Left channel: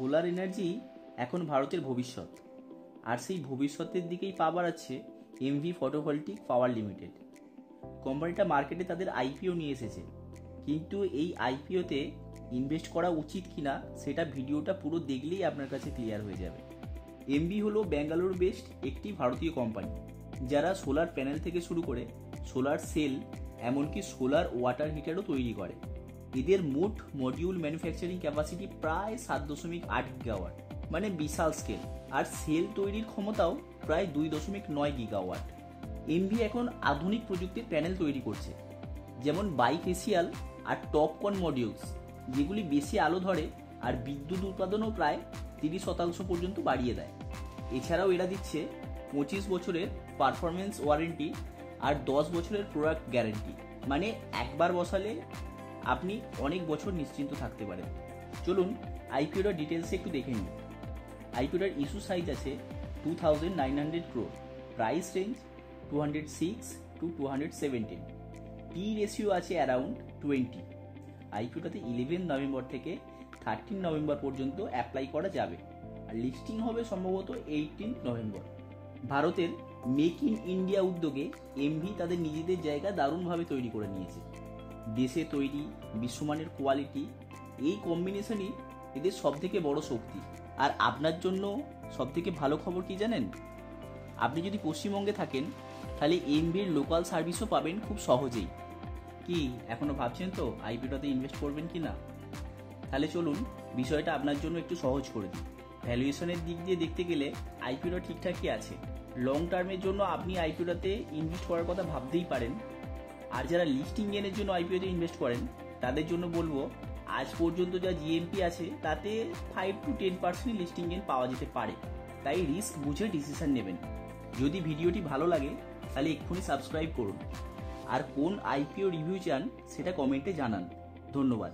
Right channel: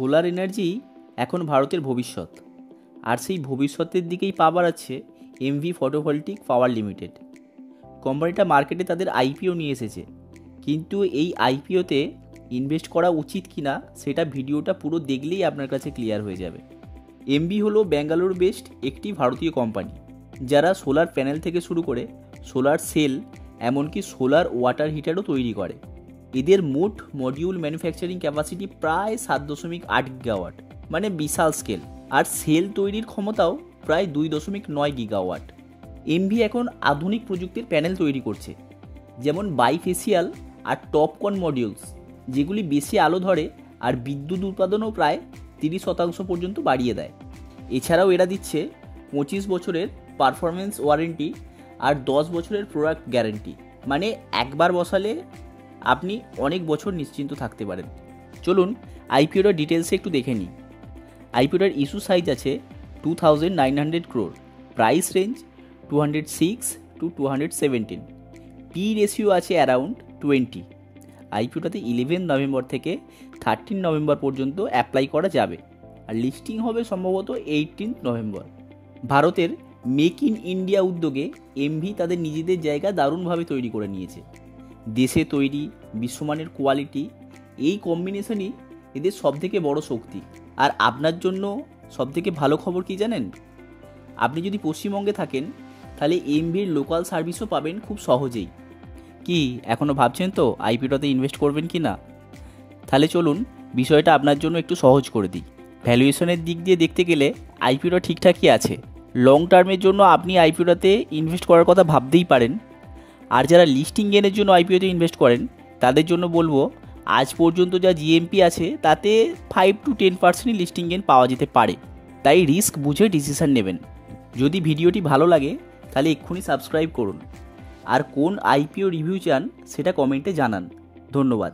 Solar energy এখন ভারতের ভবিষ্যৎ, আর সেই ভবিষ্যতের দিকেই পা বাড়াচ্ছে এমভি ফটোভোল্টিক পাওয়ার লিমিটেড। কোম্পানিটা মার্কেটে তাদের আইপিও নিয়ে এসেছে, কিন্তু এই আইপিওতে ইনভেস্ট করা উচিত কিনা সেটা ভিডিওটা পুরো দেখলেই আপনার কাছে ক্লিয়ার হয়ে যাবে। এমভি হলো ব্যাঙ্গালোর বেসড একটি ভারতীয় কোম্পানি, যারা সোলার প্যানেল থেকে শুরু করে সোলার সেল এমনকি সোলার ওয়াটার হিটারও তৈরি করে। এদের মোট মডিউল ম্যানুফ্যাকচারিং ক্যাপাসিটি প্রায় 7.8 গিগাওয়াট, মানে বিশাল স্কেল, আর সেল তৈরির ক্ষমতাও প্রায় 2.9 গিগাওয়াট। এমভি এখন আধুনিক প্রযুক্তির প্যানেল তৈরি করছে, যেমন বাইফেসিয়াল আর টপকন মডিউলস, যেগুলি বেশি আলো ধরে আর বিদ্যুৎ উৎপাদনও প্রায় 30% পর্যন্ত বাড়িয়ে দেয়। এছাড়াও এরা দিচ্ছে 25 বছরের পারফরমেন্স ওয়ারেন্টি আর 10 বছরের প্রোডাক্ট গ্যারেন্টি, মানে একবার বসালে আপনি অনেক বছর নিশ্চিন্ত থাকতে পারেন। চলুন আইপিওটার ডিটেলসে একটু দেখে নিই। আইপিওটার ইস্যু সাইজ আছে 2900 crore, price range 206 to 217, P ratio আছে অ্যারাউন্ড 20। আইপিওটাতে 11 নভেম্বর থেকে 13 নভেম্বর পর্যন্ত অ্যাপ্লাই করা যাবে, আর লিস্টিং হবে সম্ভবত 18 নভেম্বর। ভারতের মেক ইন ইন্ডিয়া উদ্যোগে এমভি তাদের নিজেদের জায়গা দারুণভাবে তৈরি করে নিয়েছে। দেশে তৈরি, বিশ্বমানের কোয়ালিটি, এই কম্বিনেশনই এদের সবথেকে বড় শক্তি। আর আপনার জন্য সবথেকে ভালো খবর কি জানেন? আপনি যদি পশ্চিমবঙ্গে থাকেন তাহলে এমভির লোকাল সার্ভিসও পাবেন খুব সহজেই। কি এখনও ভাবছেন তো আইপিওটাতে ইনভেস্ট করবেন কি না? তাহলে চলুন বিষয়টা আপনার জন্য একটু সহজ করে দিই। ভ্যালুয়েশনের দিক দিয়ে দেখতে গেলে আইপিওটা ঠিকঠাকই আছে। লং টার্মের জন্য আপনি আইপিওটাতে ইনভেস্ট করার কথা ভাবতেই পারেন। আর যারা লিস্টিং গেনের জন্য আইপিওতে ইনভেস্ট করেন তাদের জন্য বলবো, আজ পর্যন্ত যা জিএমপি আছে তাতে 5 to 10% লিস্টিং গেন পাওয়া যেতে পারে, তাই রিস্ক বুঝে ডিসিশন নেবেন। যদি ভিডিওটি ভালো লাগে তাহলে এক্ষুনি সাবস্ক্রাইব করুন, আর কোন আইপিও রিভিউ চান সেটা কমেন্টে জানান। ধন্যবাদ।